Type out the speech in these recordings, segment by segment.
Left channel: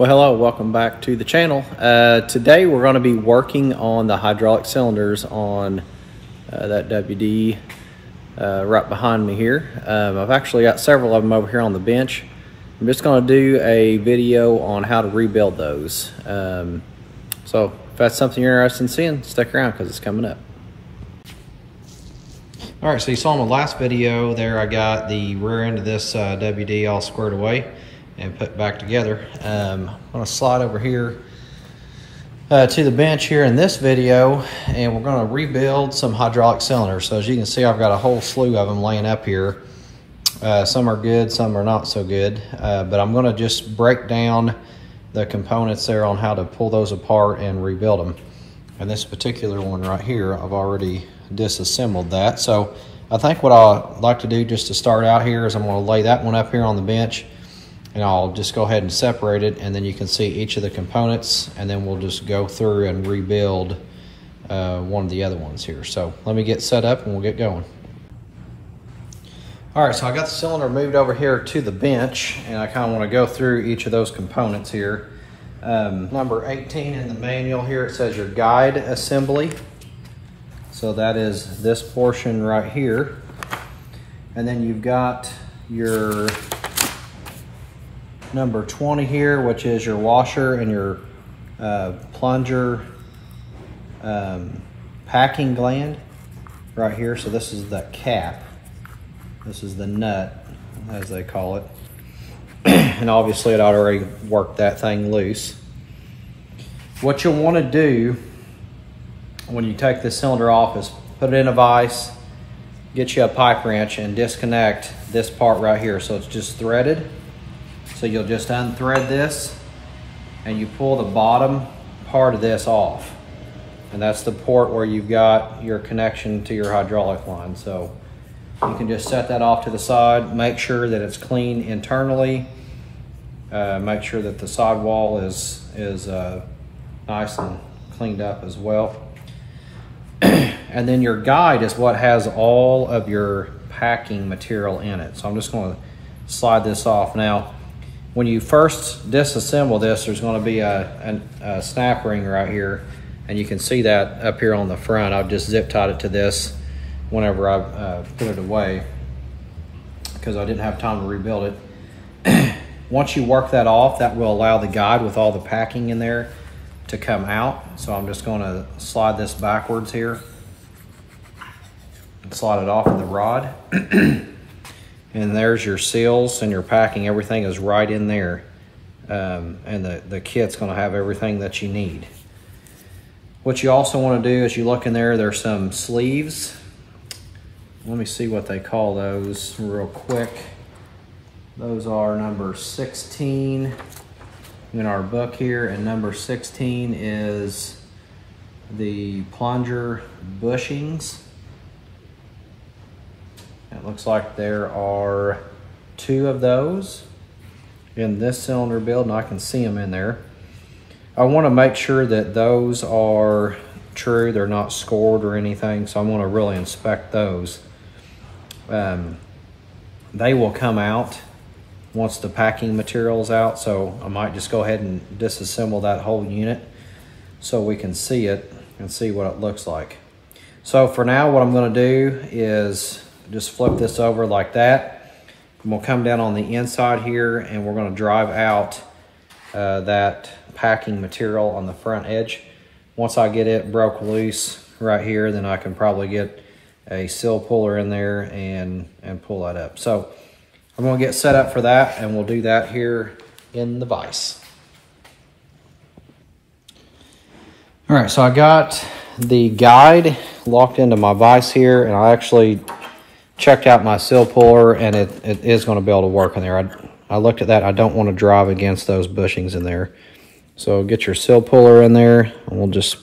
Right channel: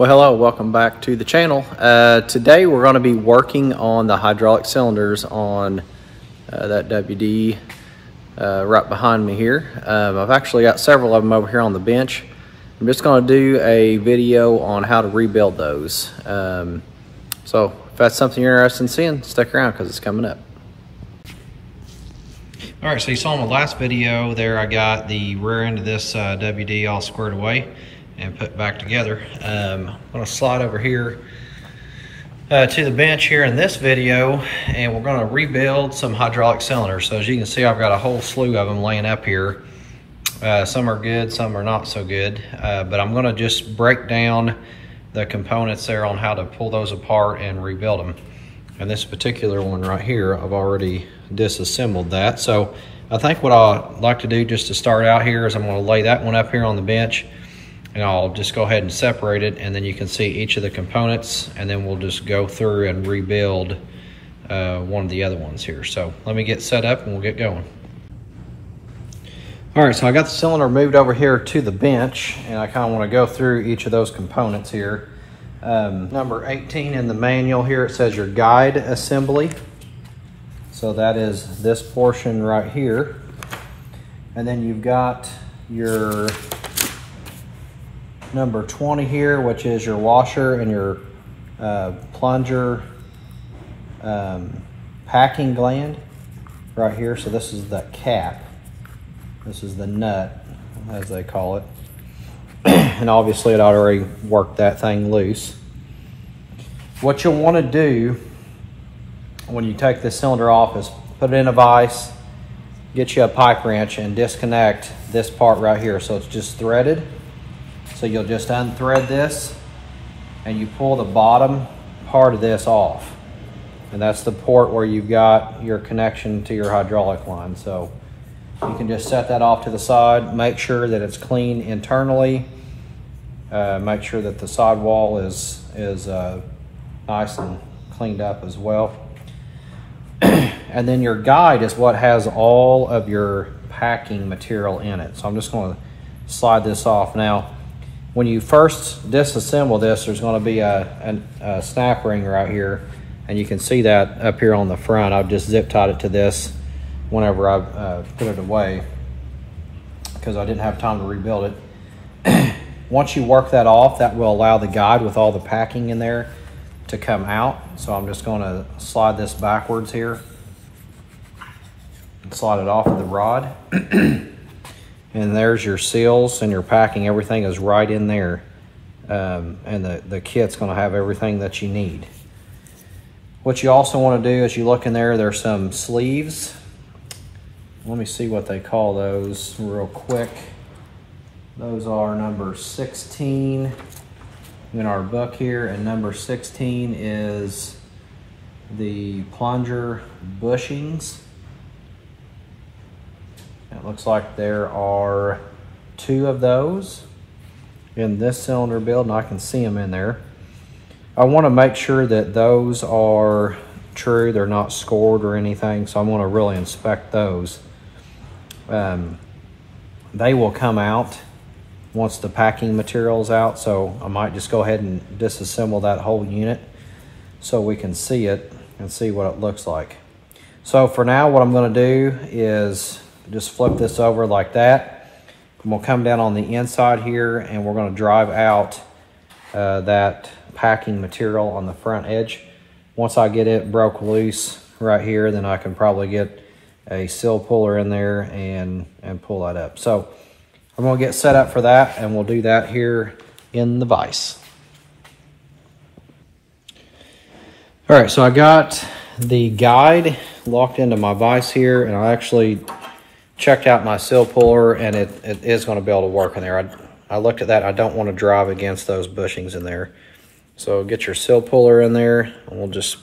Well, hello, welcome back to the channel. Today we're going to be working on the hydraulic cylinders on that WD right behind me here. I've actually got several of them over here on the bench. I'm just going to do a video on how to rebuild those. So if that's something you're interested in seeing, stick around because it's coming up. All right, so you saw in the last video there, I got the rear end of this WD all squared away and put back together. I'm gonna slide over here to the bench here in this video, and we're gonna rebuild some hydraulic cylinders. So as you can see, I've got a whole slew of them laying up here. Some are good, some are not so good, but I'm gonna just break down the components there on how to pull those apart and rebuild them. And this particular one right here, I've already disassembled that. So I think what I'd like to do just to start out here is I'm gonna lay that one up here on the bench, and I'll just go ahead and separate it, and then you can see each of the components, and then we'll just go through and rebuild one of the other ones here. So let me get set up and we'll get going. All right, so I got the cylinder moved over here to the bench, and I kind of want to go through each of those components here. Number 18 in the manual here, it says your guide assembly. So that is this portion right here. And then you've got your number 20 here, which is your washer and your plunger packing gland right here. So this is the cap. This is the nut, as they call it. And obviously it already worked that thing loose. What you'll want to do when you take this cylinder off is put it in a vise, get you a pipe wrench, and disconnect this part right here. So it's just threaded. So you'll just unthread this and you pull the bottom part of this off. And that's the port where you've got your connection to your hydraulic line. So you can just set that off to the side, make sure that it's clean internally, make sure that the sidewall is nice and cleaned up as well. And then your guide is what has all of your packing material in it. So I'm just going to slide this off. Now, when you first disassemble this, there's going to be a snap ring right here, and you can see that up here on the front. I've just zip tied it to this whenever I put it away because I didn't have time to rebuild it. Once you work that off, that will allow the guide with all the packing in there to come out. So I'm just going to slide this backwards here and slide it off of the rod. And there's your seals and your packing. Everything is right in there. And the kit's gonna have everything that you need. What you also wanna do is you look in there, there's some sleeves. Let me see what they call those real quick. Those are number 16 in our book here, and number 16 is the plunger bushings. It looks like there are 2 of those in this cylinder build, and I can see them in there. I want to make sure that those are true, they're not scored or anything, so I'm going to really inspect those. They will come out once the packing material is out, so I might just go ahead and disassemble that whole unit so we can see it and see what it looks like. So for now, what I'm going to do is just flip this over like that. And we'll come down on the inside here, and we're going to drive out that packing material on the front edge. Once I get it broke loose right here, then I can probably get a seal puller in there and pull that up. So I'm going to get set up for that, and we'll do that here in the vise. All right, so I got the guide locked into my vise here, and I actually checked out my seal puller, and it is going to be able to work in there. I looked at that. I don't want to drive against those bushings in there. So get your seal puller in there, and we'll just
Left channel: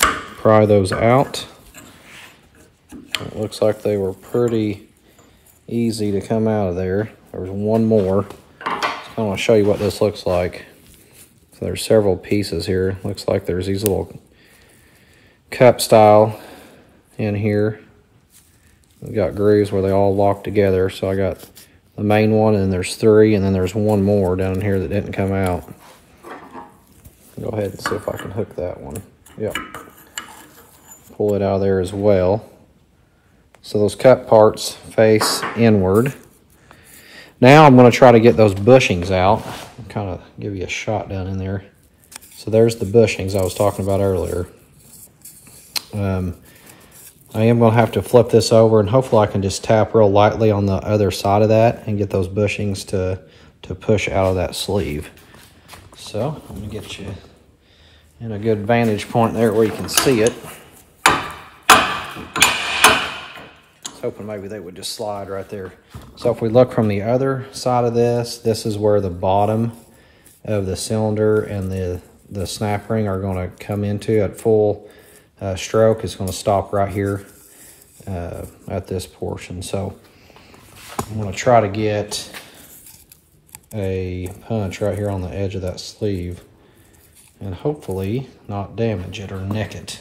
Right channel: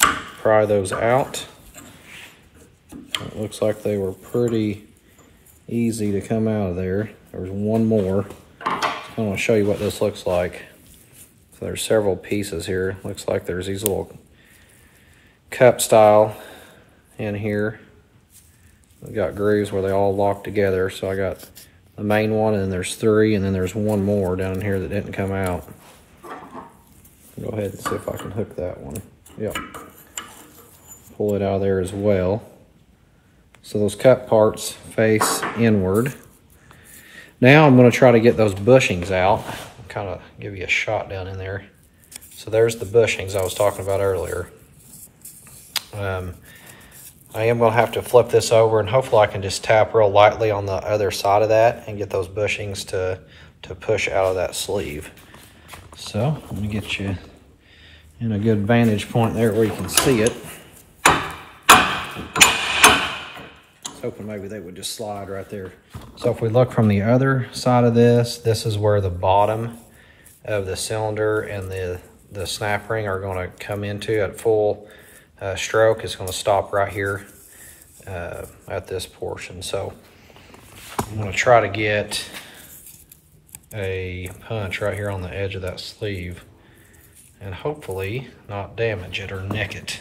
pry those out. It looks like they were pretty easy to come out of there. There's one more. I want to show you what this looks like. So there's several pieces here. Looks like there's these little cup style in here. We've got grooves where they all lock together. So I got the main one, and then there's 3, and then there's one more down here that didn't come out. Go ahead and see if I can hook that one. Yep. Pull it out of there as well. So those cut parts face inward. Now I'm going to try to get those bushings out. Kind of give you a shot down in there. So there's the bushings I was talking about earlier. I am going to have to flip this over, and hopefully I can just tap real lightly on the other side of that and get those bushings to push out of that sleeve. So I'm going to get you in a good vantage point there where you can see it. Hoping maybe they would just slide right there. So if we look from the other side of this, this is where the bottom of the cylinder and the snap ring are going to come into at full stroke. It's going to stop right here at this portion. So I'm going to try to get a punch right here on the edge of that sleeve and hopefully not damage it or nick it.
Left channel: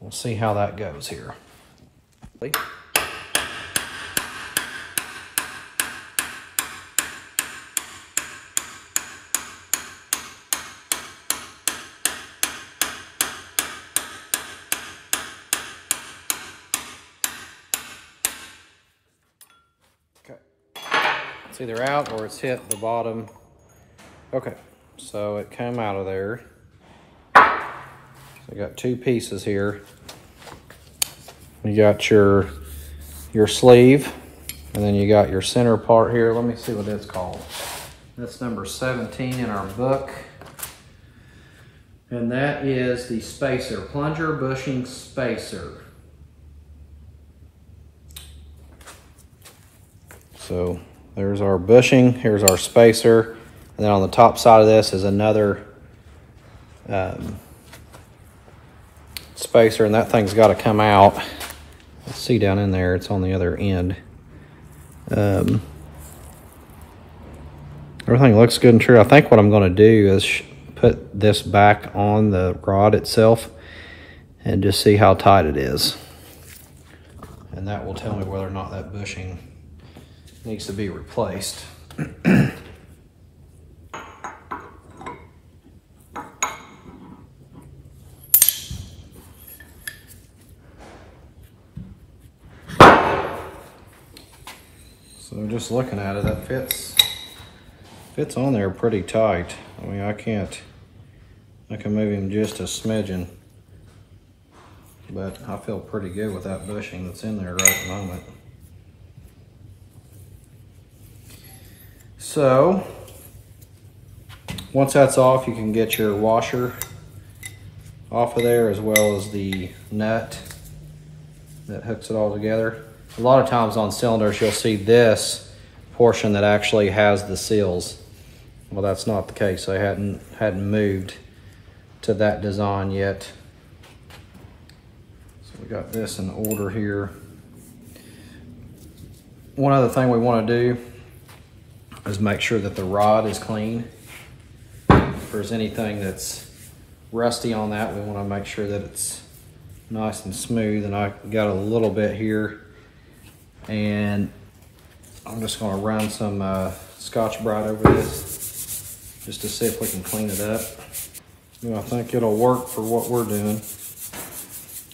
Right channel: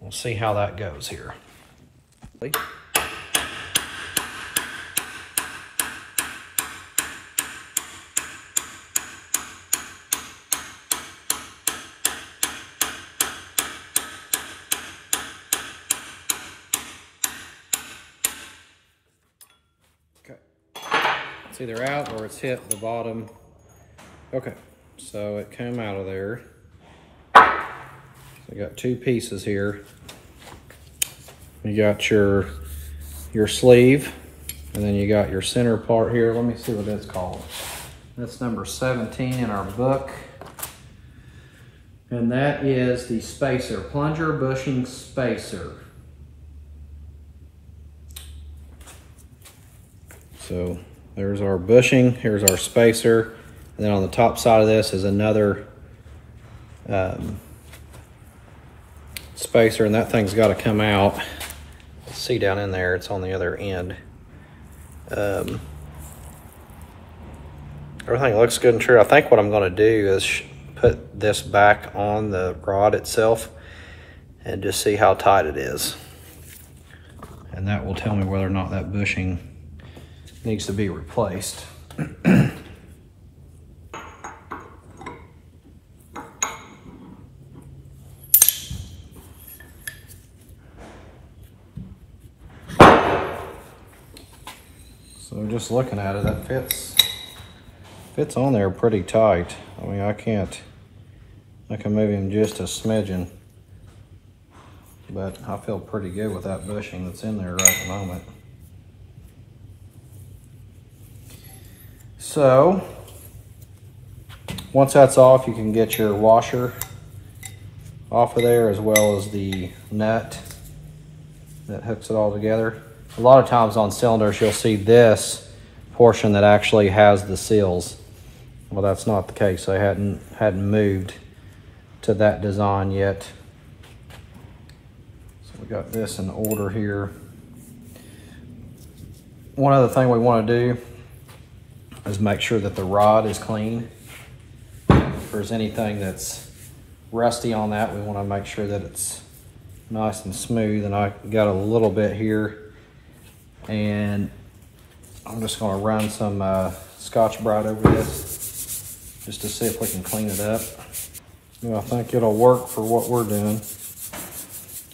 We'll see how that goes here. Okay, it's either out or it's hit the bottom. Okay, so it came out of there. So I got 2 pieces here. You got your sleeve, and then you got your center part here. Let me see what it's called. That's number 17 in our book. And that is the spacer, plunger bushing spacer. So there's our bushing, here's our spacer, and then on the top side of this is another spacer, and that thing's got to come out. See down in there, it's on the other end. Everything looks good and true. I think what I'm going to do is put this back on the rod itself and just see how tight it is. And that will tell me whether or not that bushing needs to be replaced. So just looking at it, that fits on there pretty tight. I mean, I can move him just a smidgen, but I feel pretty good with that bushing that's in there right at the moment. So once that's off, you can get your washer off of there, as well as the nut that hooks it all together. A lot of times on cylinders, you'll see this portion that actually has the seals. Well, that's not the case. They hadn't moved to that design yet. So we got this in order here. One other thing we want to do is make sure that the rod is clean. If there's anything that's rusty on that, we want to make sure that it's nice and smooth. And I got a little bit here, and I'm just going to run some Scotch-Brite over this just to see if we can clean it up. You know, I think it'll work for what we're doing.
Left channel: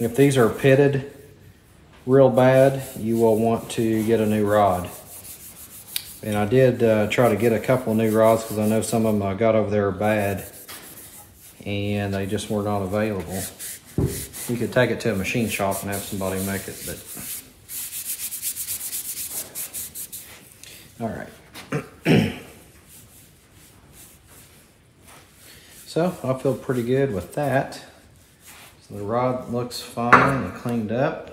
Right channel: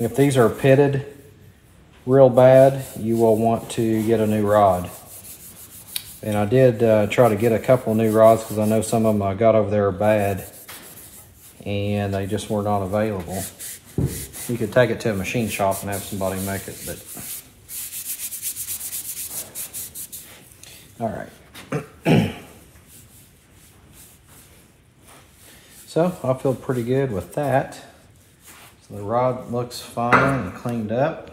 If these are pitted real bad, you will want to get a new rod. And I did try to get a couple new rods because I know some of them I got over there are bad and they just were not available. You could take it to a machine shop and have somebody make it, but all right. So I feel pretty good with that. So the rod looks fine and cleaned up.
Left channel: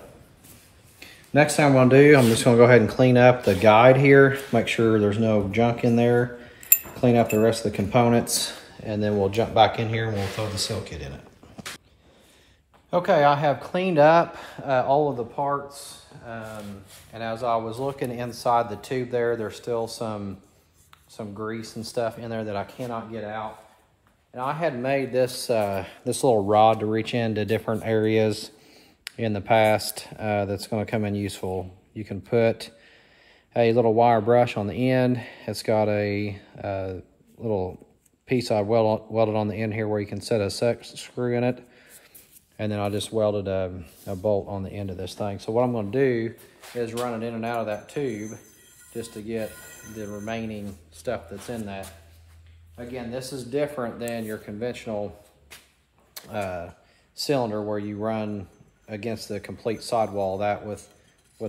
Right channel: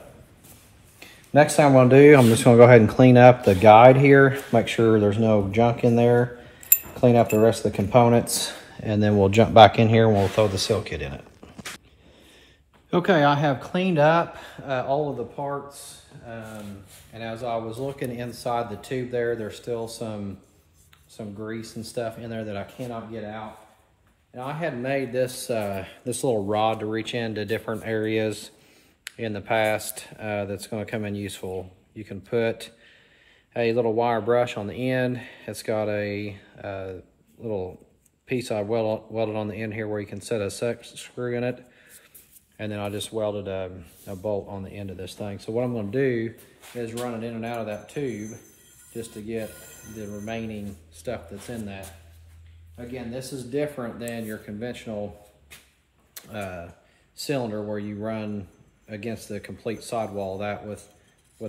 Next thing I'm going to do, I'm just going to go ahead and clean up the guide here, make sure there's no junk in there, clean up the rest of the components, and then we'll jump back in here and we'll throw the seal kit in it. Okay, I have cleaned up all of the parts, and as I was looking inside the tube there, there's still some grease and stuff in there that I cannot get out. And I had made this this little rod to reach into different areas in the past that's going to come in useful. You can put a little wire brush on the end. It's got a little piece I welded on the end here where you can set a screw in it. And then I just welded a bolt on the end of this thing. So what I'm going to do is run it in and out of that tube just to get the remaining stuff that's in that. Again, this is different than your conventional cylinder where you run against the complete sidewall that with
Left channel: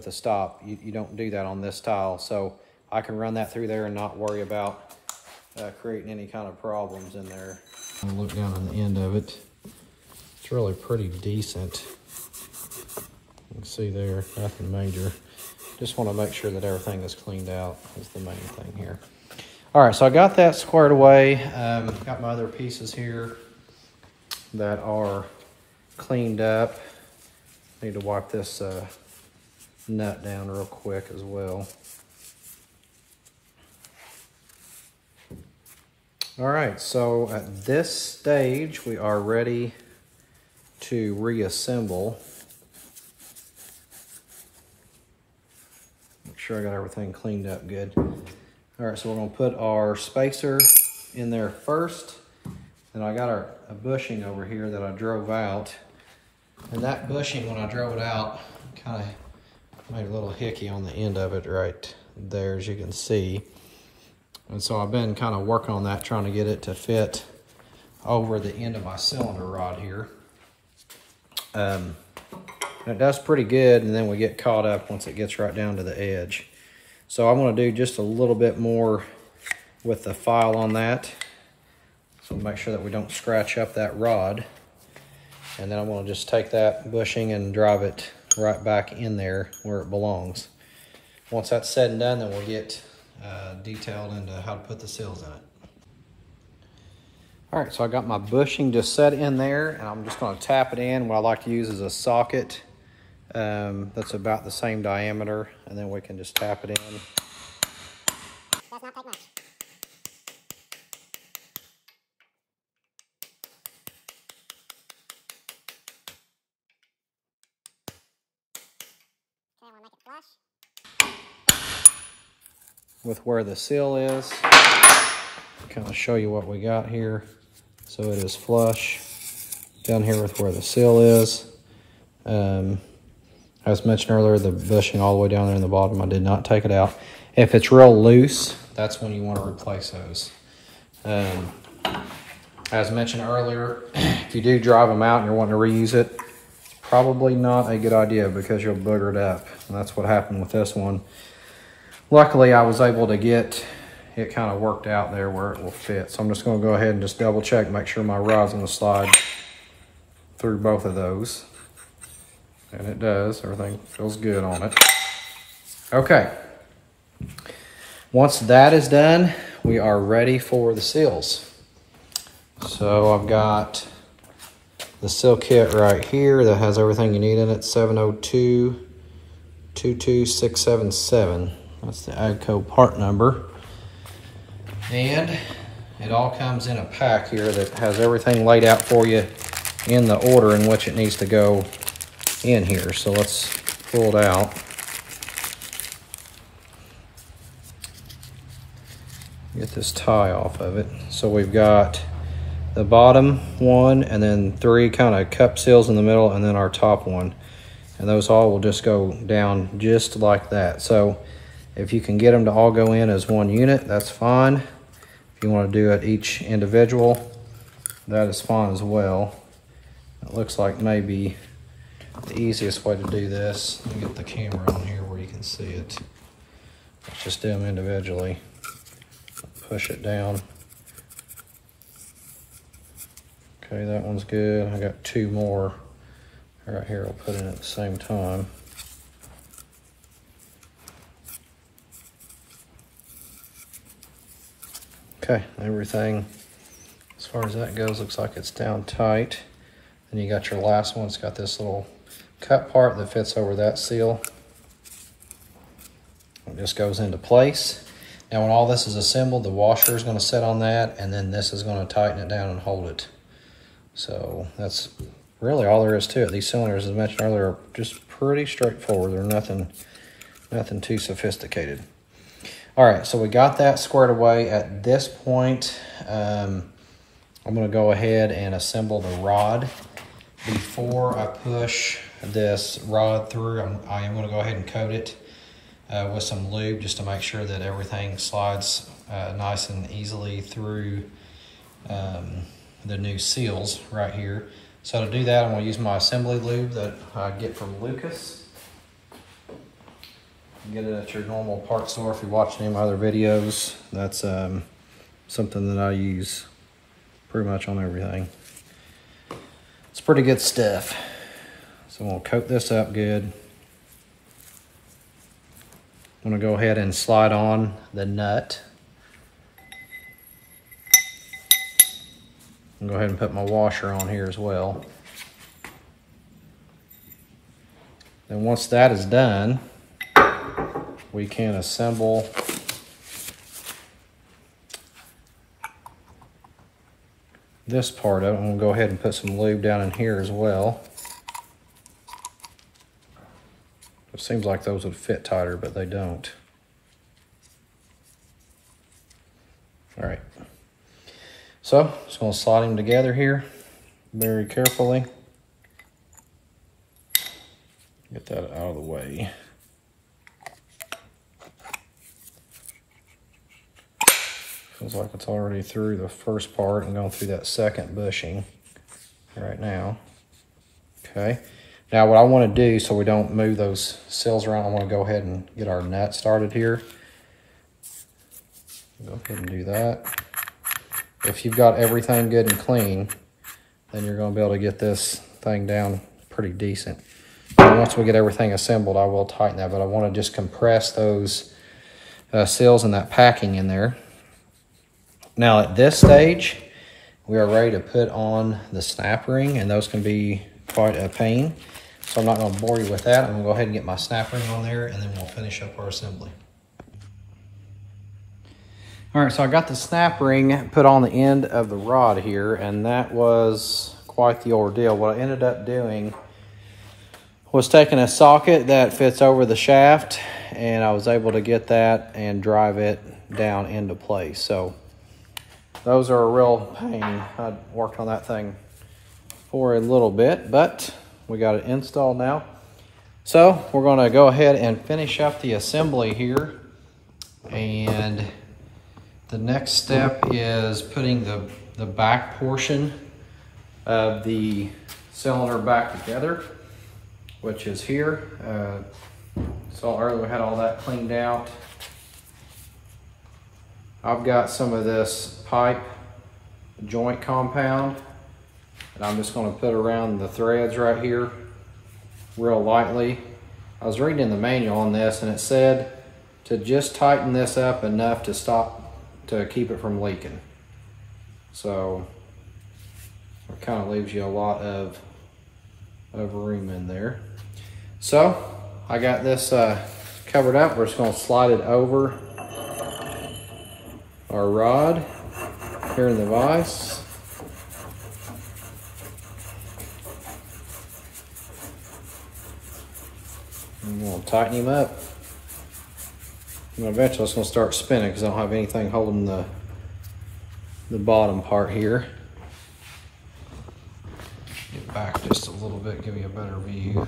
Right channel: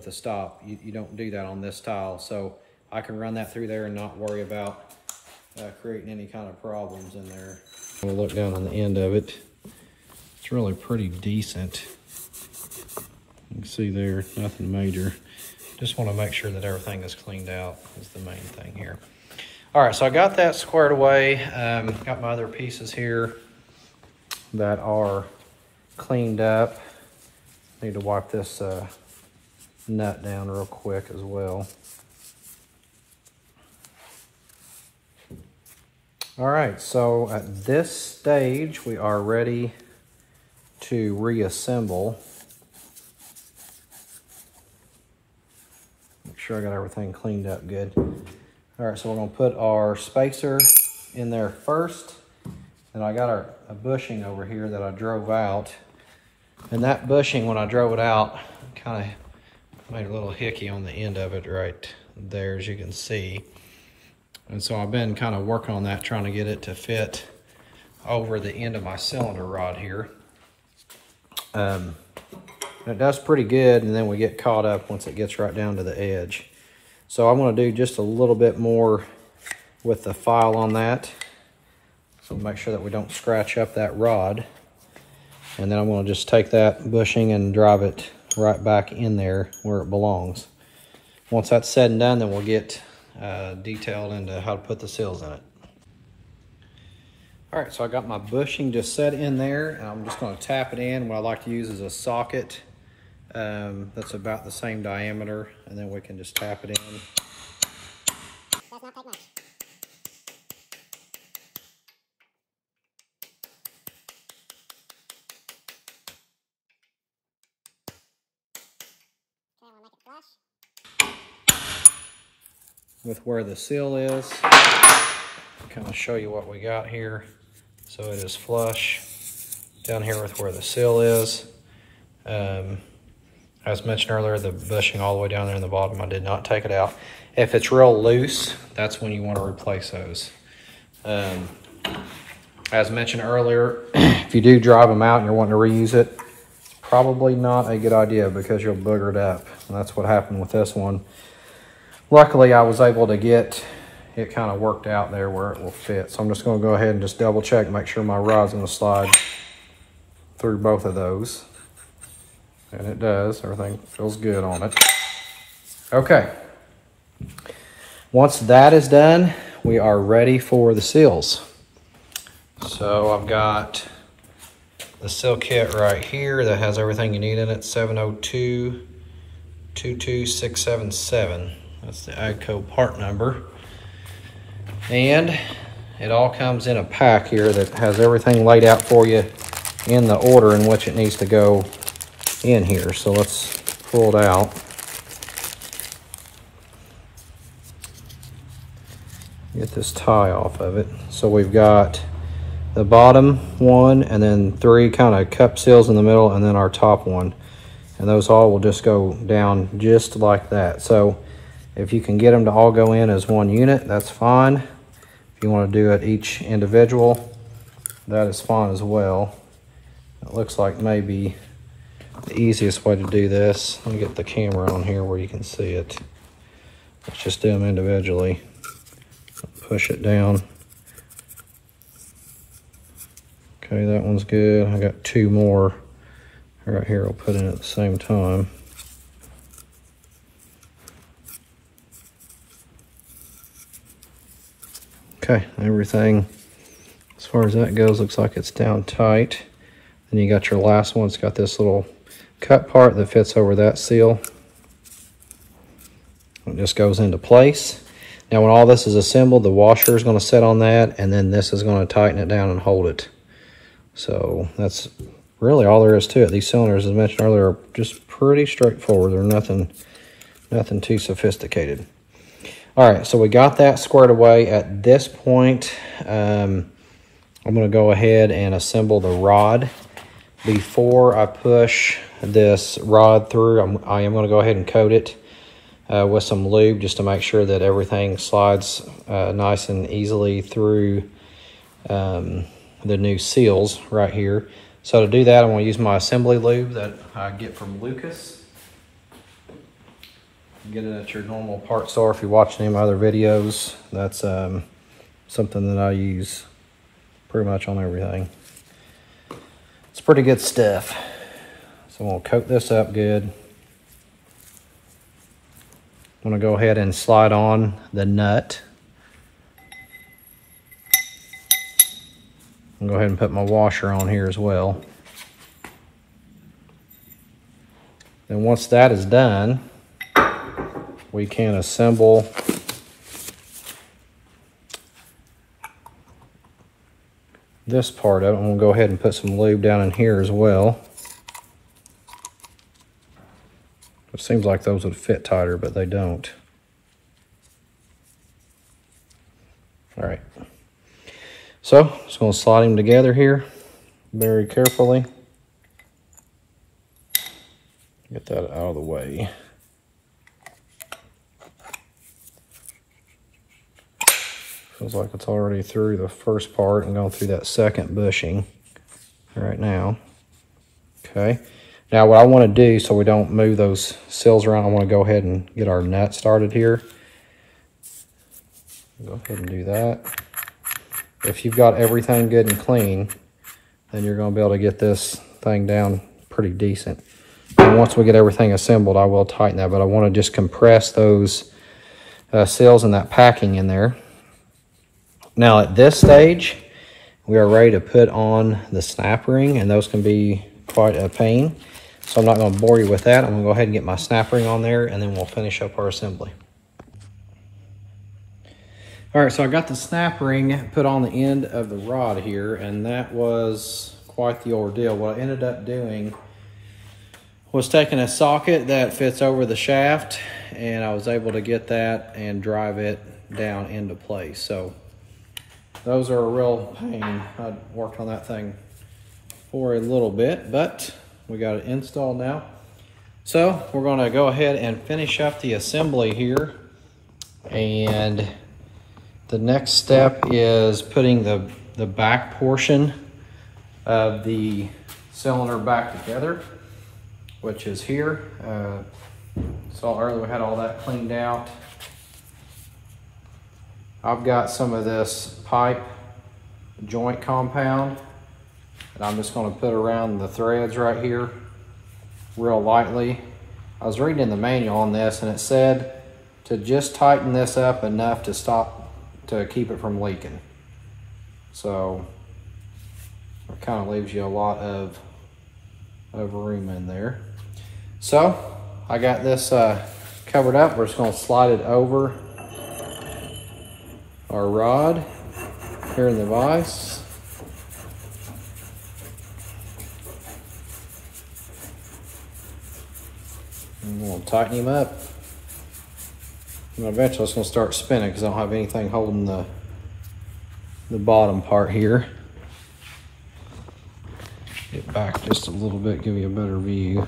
a stop. You don't do that on this style. So I can run that through there and not worry about creating any kind of problems in there. I'm going to look down on the end of it. It's really pretty decent. You can see there, nothing major. Just want to make sure that everything is cleaned out is the main thing here. All right, so I got that squared away. Got my other pieces here that are cleaned up. Need to wipe this nut down real quick as well. All right, so at this stage, we are ready to reassemble. Make sure I got everything cleaned up good. All right, so we're gonna put our spacer in there first. And I got a bushing over here that I drove out. And that bushing, when I drove it out, kind of made a little hickey on the end of it right there, as you can see. And so I've been kind of working on that, trying to get it to fit over the end of my cylinder rod here. It does pretty good, and then we get caught up once it gets right down to the edge. So I'm going to do just a little bit more with the file on that. So make sure that we don't scratch up that rod. And then I'm going to just take that bushing and drive it right back in there where it belongs. Once that's said and done, then we'll get detailed into how to put the seals in it. All right, so I got my bushing just set in there, and I'm just going to tap it in. What I like to use is a socket that's about the same diameter, and then we can just tap it in. Does not take much. Okay, I want to make it flush. With where the seal is, kind of show you what we got here. So it is flush down here with where the seal is. As mentioned earlier, the bushing all the way down there in the bottom, I did not take it out. If it's real loose, that's when you want to replace those. As mentioned earlier, if you do drive them out and you're wanting to reuse it, it's probably not a good idea because you'll booger it up. And that's what happened with this one. Luckily, I was able to get it kind of worked out there where it will fit. So I'm just going to go ahead and just double check, make sure my rod's going to slide through both of those. And it does. Everything feels good on it. Okay. Once that is done, we are ready for the seals. So I've got the seal kit right here that has everything you need in it. 702-22677. That's the AGCO part number. And it all comes in a pack here that has everything laid out for you in the order in which it needs to go in here. So let's pull it out. Get this tie off of it. So we've got the bottom one and then 3 kind of cup seals in the middle and then our top one. And those all will just go down just like that. So if you can get them to all go in as one unit, that's fine. If you want to do it each individual, that is fine as well. It looks like maybe the easiest way to do this, let me get the camera on here where you can see it. Let's just do them individually. Push it down. Okay, that one's good. I got 2 more right here. I'll put in at the same time. Okay, everything as far as that goes looks like it's down tight. And you got your last one. It's got this little cut part that fits over that seal. It just goes into place. Now when all this is assembled, the washer is going to sit on that, and then this is going to tighten it down and hold it. So that's really all there is to it. These cylinders, as mentioned earlier, are just pretty straightforward. They're nothing too sophisticated. All right, so we got that squared away. At this point, I'm gonna go ahead and assemble the rod. Before I push this rod through, I am gonna go ahead and coat it with some lube just to make sure that everything slides nice and easily through the new seals right here. So to do that, I'm gonna use my assembly lube that I get from Lucas. You get it at your normal part store if you're watching any of my other videos. That's something that I use pretty much on everything. It's pretty good stuff. So I'm gonna coat this up good. I'm gonna go ahead and slide on the nut. I'm gonna go ahead and put my washer on here as well. And once that is done, we can assemble this part of it. I'm gonna go ahead and put some lube down in here as well. It seems like those would fit tighter, but they don't. All right. So, just gonna slide them together here very carefully. Get that out of the way. Feels like it's already through the first part and going through that second bushing right now. Okay. Now what I want to do so we don't move those seals around, I want to go ahead and get our nut started here. Go ahead and do that. If you've got everything good and clean, then you're going to be able to get this thing down pretty decent. And once we get everything assembled, I will tighten that, but I want to just compress those seals and that packing in there. Now at this stage, we are ready to put on the snap ring, and those can be quite a pain. So I'm not going to bore you with that. I'm going to go ahead and get my snap ring on there, and then we'll finish up our assembly. All right, so I got the snap ring put on the end of the rod here, and that was quite the ordeal. What I ended up doing was taking a socket that fits over the shaft, and I was able to get that and drive it down into place. So those are a real pain. I worked on that thing for a little bit, but we got it installed now. So we're gonna go ahead and finish up the assembly here. And the next step is putting the back portion of the cylinder back together, which is here. So earlier we had all that cleaned out. I've got some of this pipe joint compound, and I'm just going to put around the threads right here real lightly. I was reading the manual on this, and it said to just tighten this up enough to keep it from leaking. So it kind of leaves you a lot of room in there. So I got this covered up. We're just going to slide it over our rod here in the vise. I'm going to tighten him up. And eventually it's going to start spinning because I don't have anything holding the bottom part here. Get back just a little bit, give you a better view.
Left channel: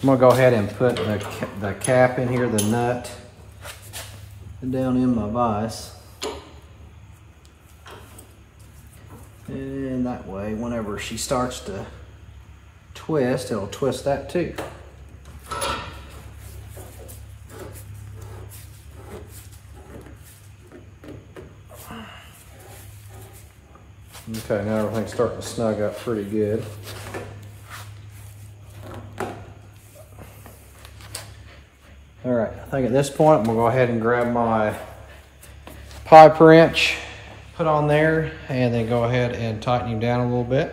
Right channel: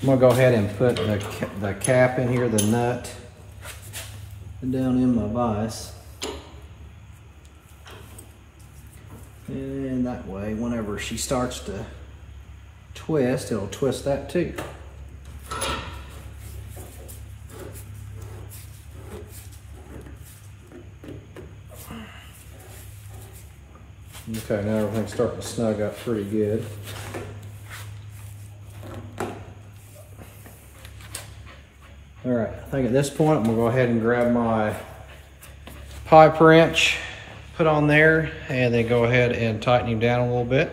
I'm going to go ahead and put the cap in here, the nut, down in my vise. And that way, whenever she starts to twist, it'll twist that too. Okay, now everything's starting to snug up pretty good. All right, I think at this point, I'm gonna go ahead and grab my pipe wrench, put on there, and then go ahead and tighten him down a little bit.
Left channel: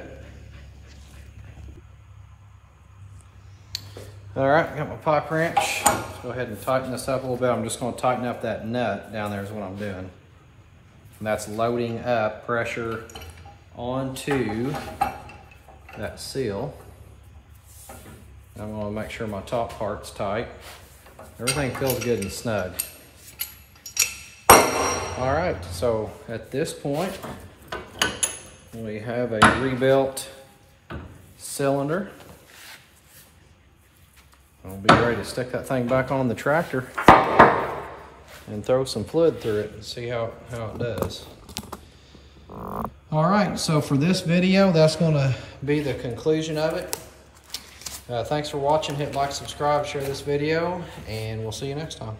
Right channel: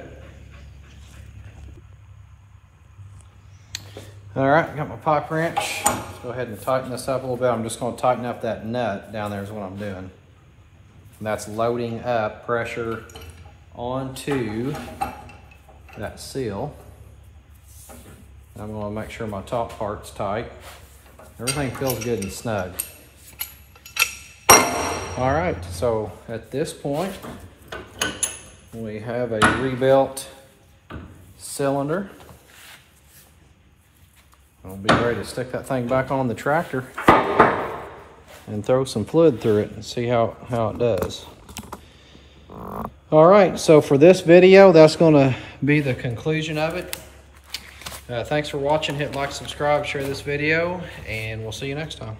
All right, got my pipe wrench. Let's go ahead and tighten this up a little bit. I'm just gonna tighten up that nut down there is what I'm doing. And that's loading up pressure onto that seal. I'm gonna make sure my top part's tight. Everything feels good and snug. All right, so at this point, we have a rebuilt cylinder. I'll be ready to stick that thing back on the tractor and throw some fluid through it and see how it does. All right, so for this video, that's gonna be the conclusion of it. Thanks for watching. Hit like, subscribe, share this video, and we'll see you next time.